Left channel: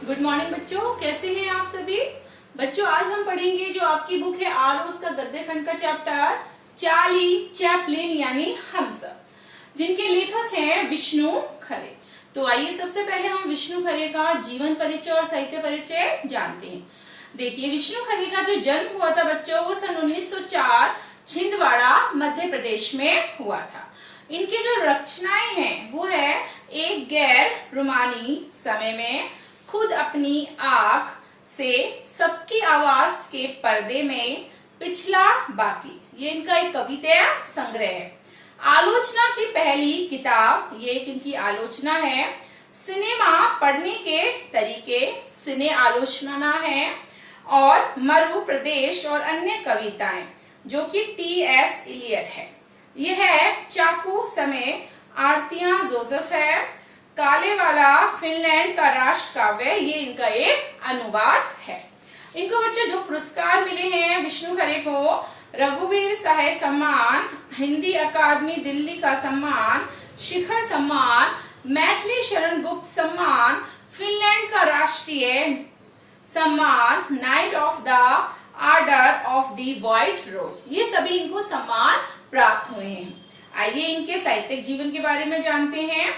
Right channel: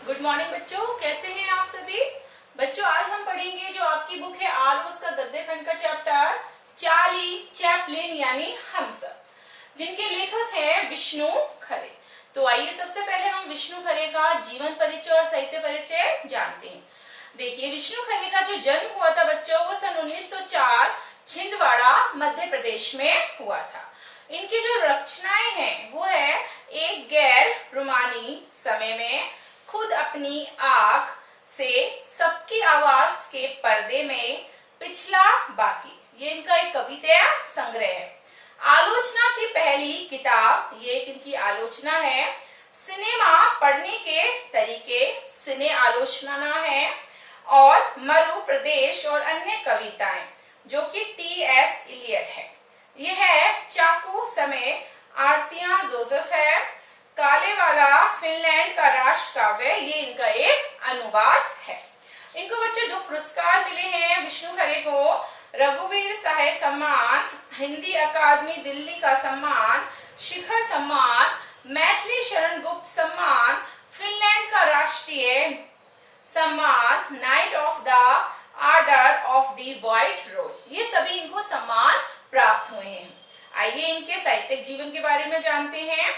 Good morning बच्चों, कैसे हैं आप सभी। बच्चों आज हम पढ़ेंगे जो आपकी बुक है आलोस का गद्य खंड का चैप्टर चार्ली चैपलिन यानी हम सब, जिनके लेखक हैं विष्णु खरे। तो आइए सबसे पहले हम विष्णु खरे का जीवन परिचय और साहित्य परिचय जानते हैं। देखिए, विष्णु खरे का जो जन्म हुआ था बच्चों वो सन 1904 छिंदवाड़ा मध्य प्रदेश में हुआ था। इनकी जो रचनाएं हैं वो है एक गैर रोमानी समय में, खुद अपनी आंख से, सबकी आवाज के पर्दे में, पिछला बाकी, ये इनका एक कविता संग्रह है। आलोचना की पहली किताब, ये एक इनकी आलोचना है। सिनेमा पढ़ने के तरीके, सिने आलोचना है। और मरु प्रदेश और अन्य कविताएं जो कि टी.एस. इलियट है। यह है चाकू समय, आरतियां जोसेफ है। काले वाला फिनलैंड का राष्ट्र काव्य, ये इनका एक अनुवाद है। इनको बच्चे जो पुरस्कार मिले हैं विष्णु खरे को, रघुवीर साहे सम्मान, हिंदी अकादमी दिल्ली का सम्मान, शिखर सम्मान, मैथिली शरण गुप्त सम्मान, फिनलैंड का राष्ट्रीय सम्मान, knight of the order of the white rose, ये सभी इनको सम्मान प्राप्त हुए हैं। आइए इनके साहित्यिक जीवन के बारे में जानते हैं।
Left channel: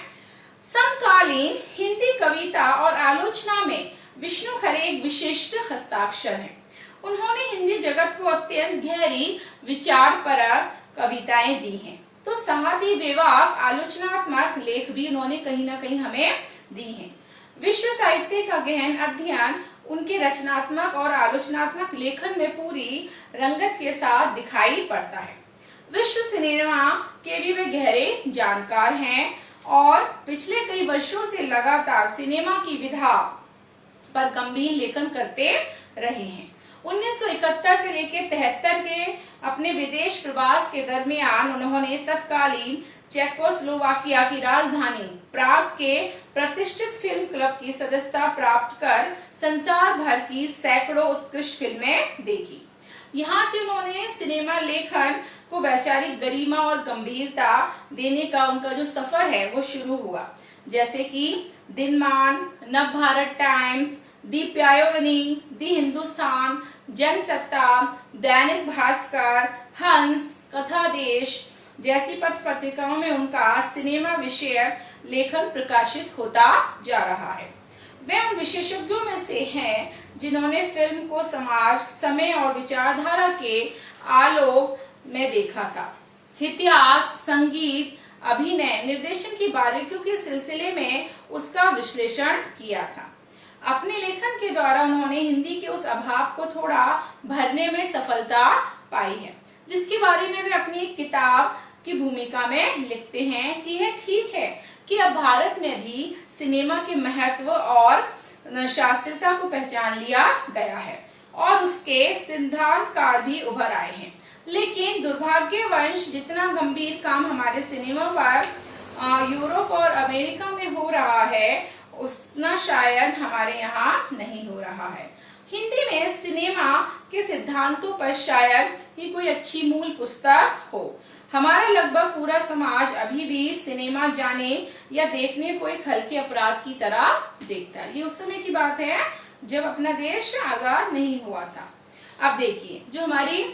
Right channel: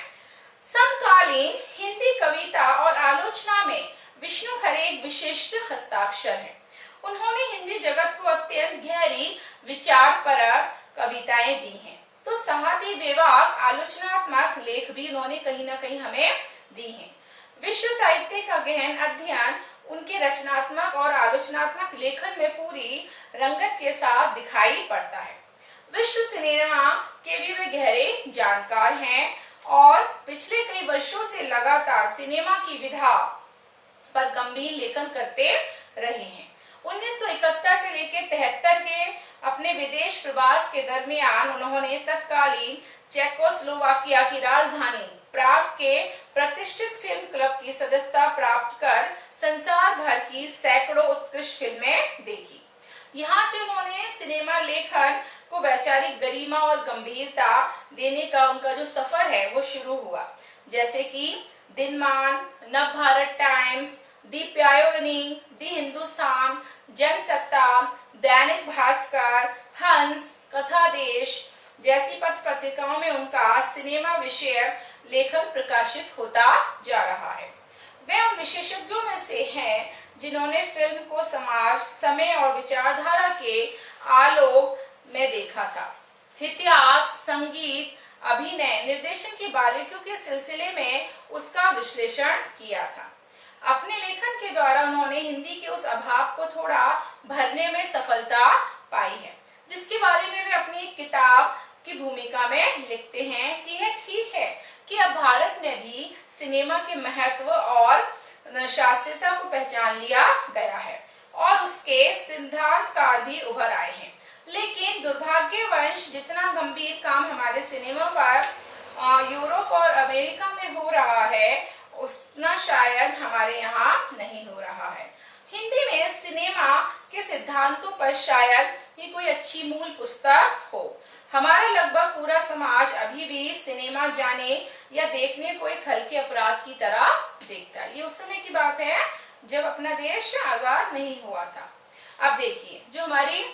समकालीन हिंदी कविता और आलोचना में विष्णु खरे एक विशिष्ट हस्ताक्षर हैं। उन्होंने हिंदी जगत को अत्यंत गहरी विचारपरक कविताएं दी हैं। तो साथ ही बेबाक आलोचनात्मक लेख भी उन्होंने कहीं ना कहीं हमें दी हैं। विश्व साहित्य का गहन अध्ययन उनके रचनात्मक और आलोचनात्मक लेखन में पूरी रंगत के साथ दिखाई पड़ता है। विश्व सिनेमा के भी वे गहरे जानकार हैं और पिछले कई वर्षों से लगातार सिनेमा की विधा पर गंभीर लेखन करते रहे हैं। 1971 से लेकर 73 के अपने विदेश प्रवास के दरमियान उन्होंने तत्कालीन चेकोस्लोवाकिया की राजधानी प्राग के प्रतिष्ठित फिल्म क्लब की सदस्यता प्राप्त कर संसार भर की सैकड़ों उत्कृष्ट फिल्में देखी। यहाँ से उन्होंने सिनेमा लेखन को वैचारिक गरिमा और गंभीरता देने का उनका जो सफर है वो शुरू हुआ। जैसे कि दिनमान, नव भारत टाइम्स, दी पायोनियर, दी हिंदुस्तान, जनसत्ता, दैनिक भास्कर, हंस, कथा देश जैसी पत्र पत्रिकाओं में उनका सिनेमा विषय लेखन प्रकाशित होता जा रहा है। वे उन विशेषज्ञों में से हैं जिन्होंने फिल्म को समाज, समय और विचारधारा के आलोक में देखा था। इतिहास, संगीत, अभिनय, निर्देशन की बारीकियों के सिलसिले में उसका विश्लेषण किया था। अपने लेखन के द्वारा उन्होंने हिंदी के उस अभाव को थोड़ा भरने में सफलता पाई है, जिसके बारे में वे अपनी एक किताब की भूमिका में लिखते हैं कि यह ठीक है कि अब भारत में भी सिनेमा के महत्व और शास्त्रीयता को पहचान लिया गया है और उसके सिद्धांतकार भी उभर आए हैं। लेकिन दुर्भाग्यवश जितना गंभीर काम हमारे सिनेमा पर यूरोप और अमेरिका में हो रहा है उतना शायद हमारे यहाँ नहीं हो रहा है। हिंदी में सिनेमा के सिद्धांतों पर शायद ये कोई अच्छी मूल पुस्तक हो। हमारा लगभग पूरा समाज अभी भी सिनेमा जाने या देखने को एक हल्के अपराध की तरह देखता है। ये उस समय की बात है जब अपना देश आजाद नहीं हुआ था। अब देखिए, जो हमारी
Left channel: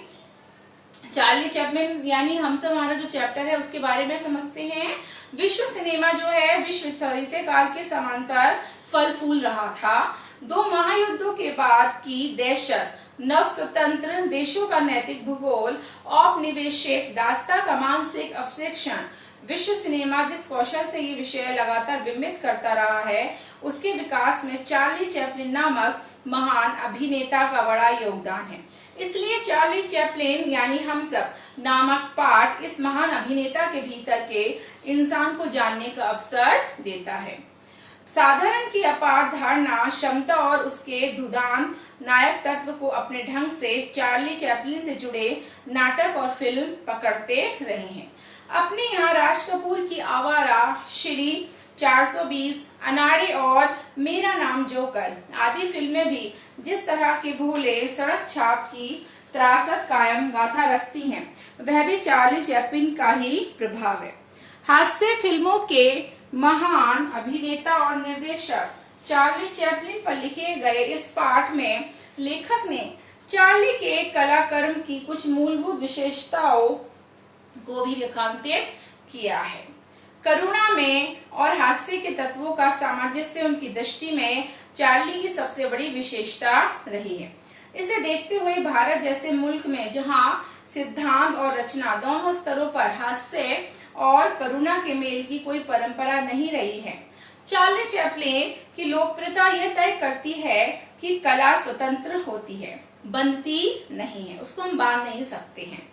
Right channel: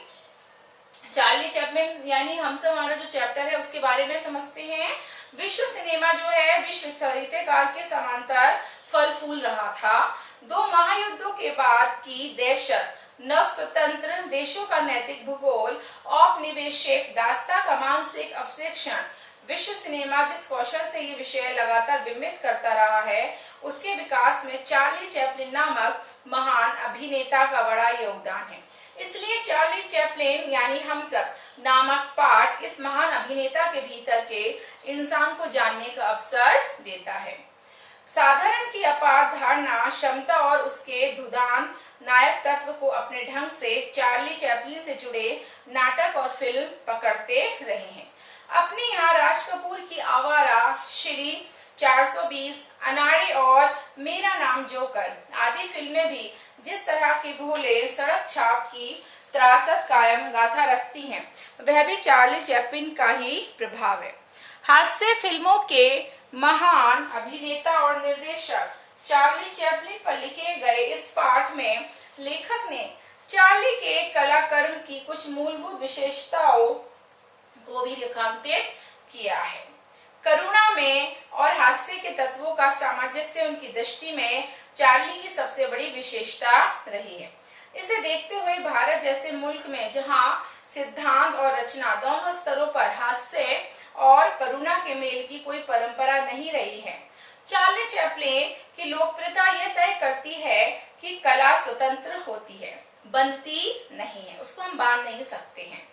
चार्ली चैपलिन यानी हम सब हमारा जो चैप्टर है उसके बारे में समझते हैं। विश्व सिनेमा जो है विश्व साहित्यकार के समांतर फल फूल रहा था। 2 महायुद्धों के बाद की दहशत, नव स्वतंत्र देशों का नैतिक भूगोल, औपनिवेशिक दास्ता का मानसिक अवशेषण, विश्व सिनेमा जिस कौशल से ये विषय लगातार बिंबित करता रहा है उसके विकास में चार्ली चैपलिन नामक महान अभिनेता का बड़ा योगदान है। इसलिए चार्ली चैपलिन यानी हम सब नामक पाठ इस महान अभिनेता के भीतर के इंसान को जानने का अवसर देता है। साधारण की अपार धारणा क्षमता और उसके धुदान नायक तत्व को अपने ढंग से चार्ली चैपलिन से जुड़े नाटक और फिल्म पकड़ते रहे हैं। अपने यहाँ राज कपूर की आवारा, श्री 420, अनाड़ी और मेरा नाम जोकर आदि फिल्में भी जिस तरह के भोले सड़क छाप की त्रासद कायम गाथा रचती हैं, वह भी चार्ली चैपलिन का ही प्रभाव है। हास्य फिल्मों के महान अभिनेता और निर्देशक चार्ली चैपलिन पर लिखे गए इस पाठ में लेखक ने चार्ली के कलाकर्म की कुछ मूलभूत विशेषताओं को भी रेखांकित किया है। करुणा में और हास्य के तत्वों का सामंजस्य उनकी दृष्टि में चार्ली की सबसे बड़ी विशेषता रही है। इसे देखते हुए भारत जैसे मुल्क में जहां सिद्धांत और रचना दोनों स्तरों पर हास्य और करुणा के मेल की कोई परंपरा नहीं रही है, चार्ली चैपलिन की लोकप्रियता यह तय करती है कि कला स्वतंत्र होती है, बंधती नहीं है, उसको हम बांध नहीं सकते हैं।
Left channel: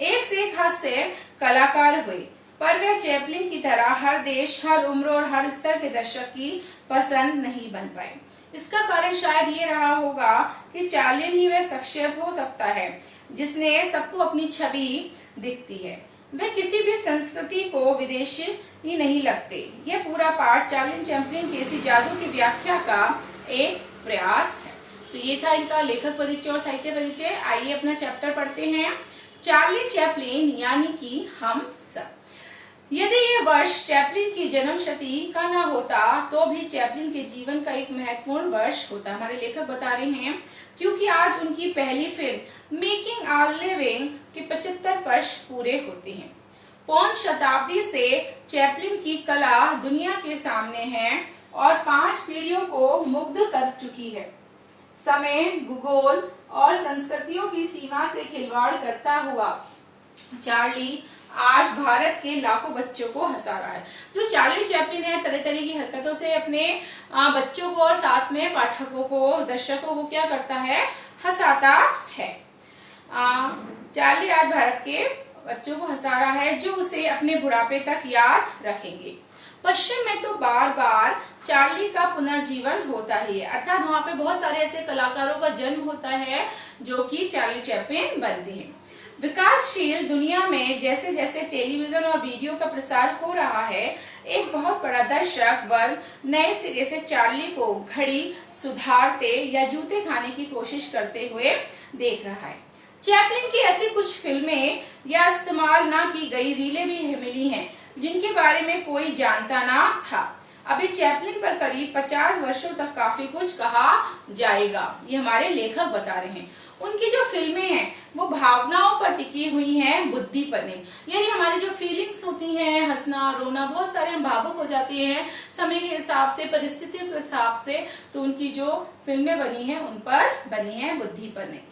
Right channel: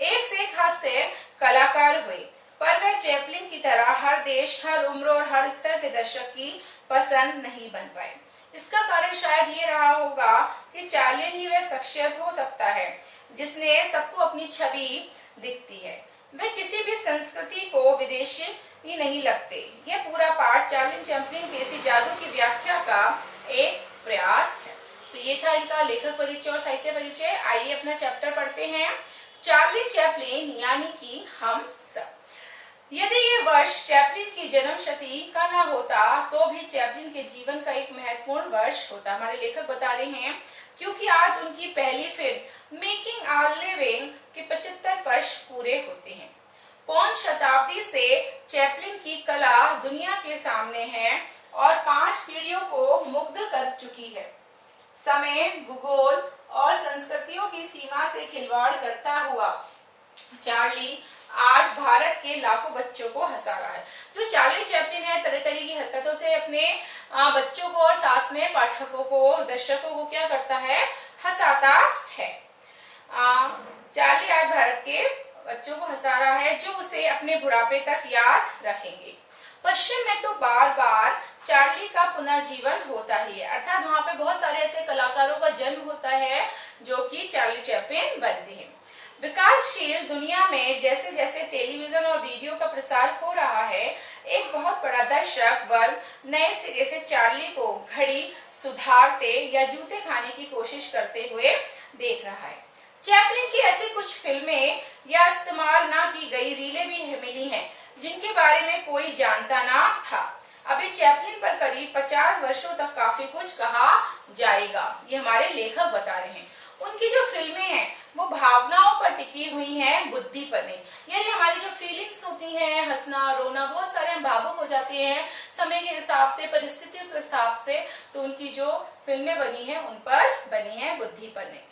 एक से एक हास्य कलाकार हुए, पर वह चैपलिन की तरह हर देश, हर उम्र और हर स्तर के दर्शक की पसंद नहीं बन पाए। इसका कारण शायद ये रहा होगा कि चार्लिन ही वह शख्सियत हो सकता है जिसने सबको अपनी छवि दिखती है। वे किसी भी संस्कृति को विदेशी ही नहीं लगते। यह पूरा पाठ चार्ली चैपलिन के इसी जादू की व्याख्या का एक प्रयास है। तो ये था इनका लेखक परिचय और साहित्य परिचय। आइए अपना चैप्टर पढ़ते हैं। चार्ली चैपलिन यानी कि हम सब। यदि ये वर्ष चैपलिन की जन्म शती का न होता तो भी चैपलिन के जीवन का एक महत्वपूर्ण वर्ष होता। हमारे लेखक बता रहे हैं क्योंकि आज उनकी पहली फिल्म मेकिंग आ लिविंग के 75 वर्ष पूरे होते हैं। पौन शताब्दी से चैपलिन की कला दुनिया के सामने है और 5 पीढ़ियों को मुग्ध कर चुकी है। समय, भूगोल और संस्कृतियों की सीमा से खिलवाड़ करता हुआ चार्ली आज भारत के लाखों बच्चों को हंसा रहा है। जो चार्ली चैपलिन है तरह तरह की हरकतों से अपने बच्चों को और साथ में पाठकों को, दर्शकों को क्या करता है, हंसाता है। चार्ली आज भारत के बच्चों को हंसा रहा है जो उसे अपने बुढ़ापे तक याद रखेंगे। पश्चिम में तो बार बार चार्ली का पुनर्जीवन होता ही है, अर्थात वहाँ पे बहुत सारे ऐसे कलाकारों का जन्म होता है जो कि चार्ली चैपलिन बनते हैं। विकासशील दुनिया में जैसे जैसे टेलीविजन और वीडियो का प्रसार हो रहा है, एक बहुत बड़ा दर्शक वर्ग नए सिरे से चार्ली को घड़ी सुधारते या जूते खाने की कोशिश करते हुए देख रहा है। चैपलिन की ऐसी कुछ फिल्में या इस्तेमाल ना की गई रीलें भी मिली हैं जिनके बारे में कोई जानता ना था। अभी चैपलिन पर करीब 50 वर्षों तक काफी कुछ कहा जाएगा, ये हमारे लेखक बता रहे हैं। उनकी जो फिल्में हैं वो भावनाओं पर टिकी हुई हैं, बुद्धि पर नहीं। यानी हमारी जो फीलिंग्स होती हैं, हंसना, रोना, बहुत सारे हम भावुक हो जाते हैं समय के हिसाब से, परिस्थितियों के हिसाब से, तो उनकी जो फिल्में बनी हैं उन पर बनी हैं, बुद्धि पर नहीं।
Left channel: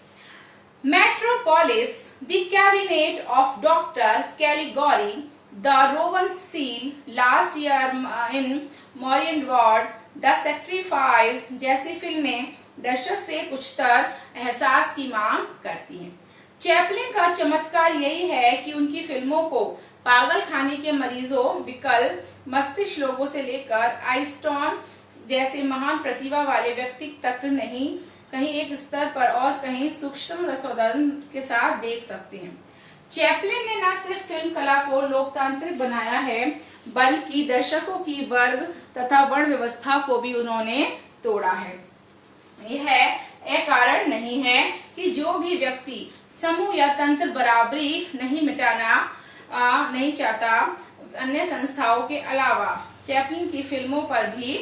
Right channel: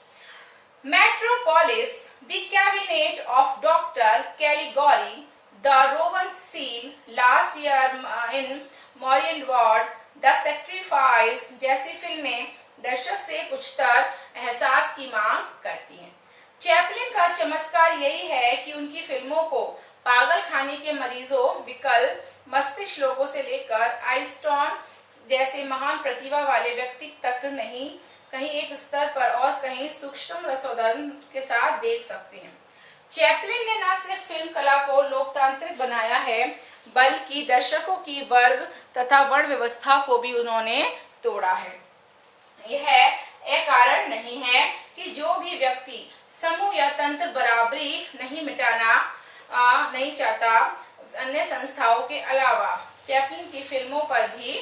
Metropolis, The Cabinet of Dr. Caligari, The Rowan Seal, Last Year in Marienbad, The Sacrifice जैसी फिल्में दर्शक से कुछतर एहसास की मांग करती हैं। चैपलिन का चमत्कार यही है कि उनकी फिल्मों को पागल खाने के मरीजों, विकल मस्तिष्क लोगों से लेकर आइंस्टाइन जैसे महान प्रतिभा वाले व्यक्ति तक नहीं, कहीं एक स्तर पर और कहीं सूक्ष्म रसोदन के साथ देख सकते हैं। चैपलिन ने न सिर्फ फिल्म कला को लोकतांत्रिक बनाया है, बल्कि दर्शकों की वर्ग तथा वर्ण व्यवस्था को भी उन्होंने तोड़ा है। यह एक कारण नहीं है कि जो भी व्यक्ति समूह या तंत्र बराबरी नहीं मिटाना नहीं चाहता, अन्य संस्थाओं के अलावा चैपलिन की फिल्मों पर भी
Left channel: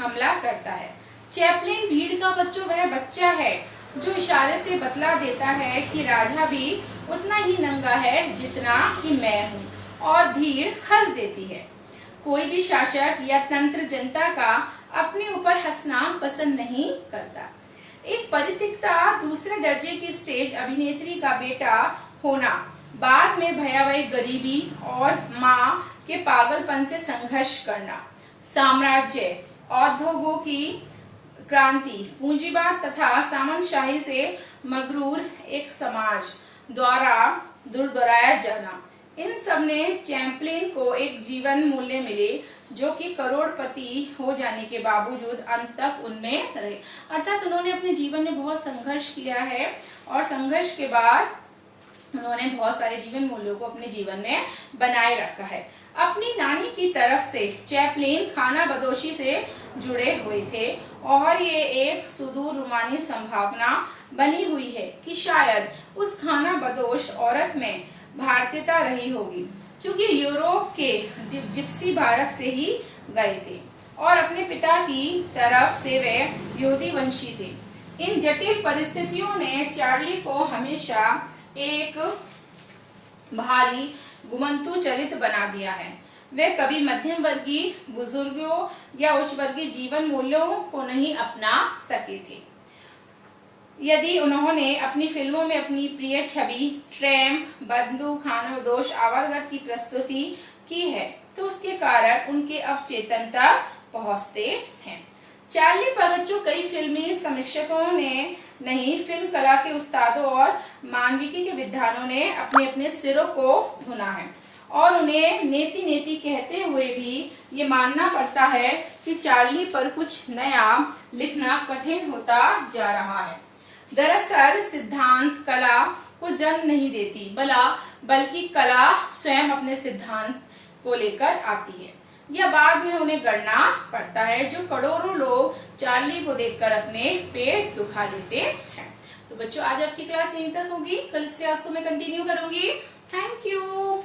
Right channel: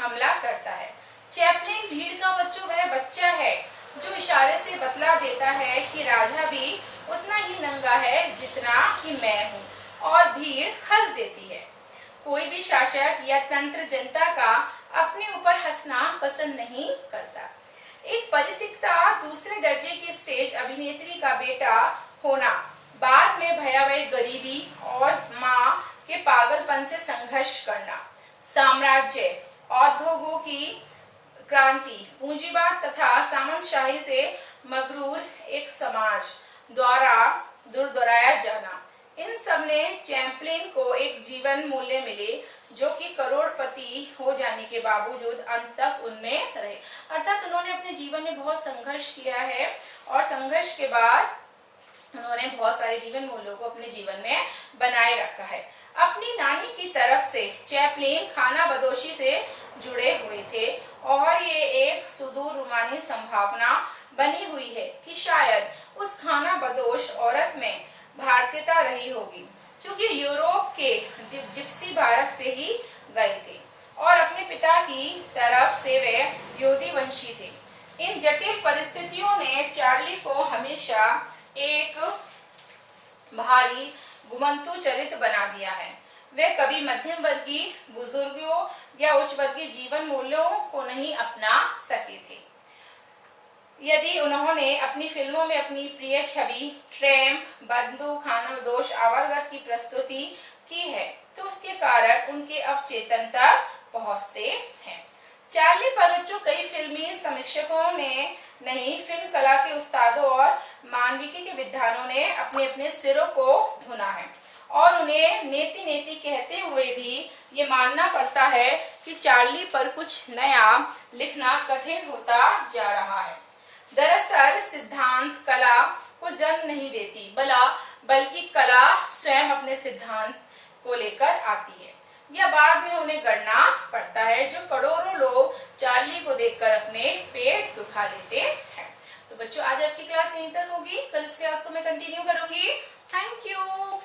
हमला करता है। चैपलिन भीड़ का वह बच्चा है जो इशारे से बतला देता है कि राजा भी उतना ही नंगा है जितना कि मैं हूँ, और भीड़ हंस देती है। कोई भी शासक या तंत्र जनता का अपने ऊपर हंसना पसंद नहीं करता। एक परितिक्ता, दूसरे दर्जे की स्टेज अभिनेत्री का बेटा होना, बाद में भयावह गरीबी और माँ के पागलपन से संघर्ष करना, साम्राज्य, उद्योगों की क्रांति, पूंजीवाद तथा सामंतशाही से मगरूर एक समाज द्वारा दुर्दराया जाना, इन सब ने चैपलिन को एक जीवन मूल्य मिले जो कि करोड़पति हो जाने के बावजूद अंत तक उनमें रहे। अर्थात उन्होंने अपने जीवन में बहुत संघर्ष किया है और संघर्ष के बाद उन्होंने बहुत सारे जीवन मूल्यों को अपने जीवन में बनाए रखा है। अपनी नानी की तरफ से चैपलिन खाना बदोशी से जुड़े हुए थे और ये एक सुदूर रूमानी संभावना बनी हुई है कि शायद उस खाना बदोश औरत में भारतीयता रही होगी, क्योंकि यूरोप के जिप्सी भारत से ही गए थे। और अपने पिता की तरफ से वे यहूदी वंशी थे। इन जटिल परिस्थितियों ने चार्ली को हमेशा एक भारी घुमंतु चरित्र बना दिया है। वे कभी मध्यम वर्गीय बुजुर्गों या उच्च वर्गीय जीवन मूल्यों को नहीं अपना सके थे। यदि उन्होंने अपनी फिल्मों में अपनी प्रिय छवि ट्रैम्प, बंदूक, खानाबदोश, आवारगत की प्रस्तुति की है तो उसके कारण उनके अवचेतन तक पहुंचते हैं। चार्ली पर बच्चों कई फिल्मी समीक्षकों ने नहीं, फिल्म कला के उस्तादों और मानविकी के विद्वानों ने अपने अपने सिरों को धुना है और उन्हें नेति नेति कहते हुए भी ये मानना पड़ता है कि चार्ली पर कुछ नया लिखना कठिन होता जा रहा है। दरअसल सिद्धांत कला को जन्म नहीं देती, बल्कि कला स्वयं अपने सिद्धांत को लेकर आती है। यह बाद में उन्हें गढ़ना पड़ता है, जो करोड़ों लोग चार्ली को देखकर अपने पेट दुखा लेते हैं। तो बच्चों आज आपकी क्लास यहीं तक होगी, कल इस क्लास को मैं कंटिन्यू करूंगी। Thank you.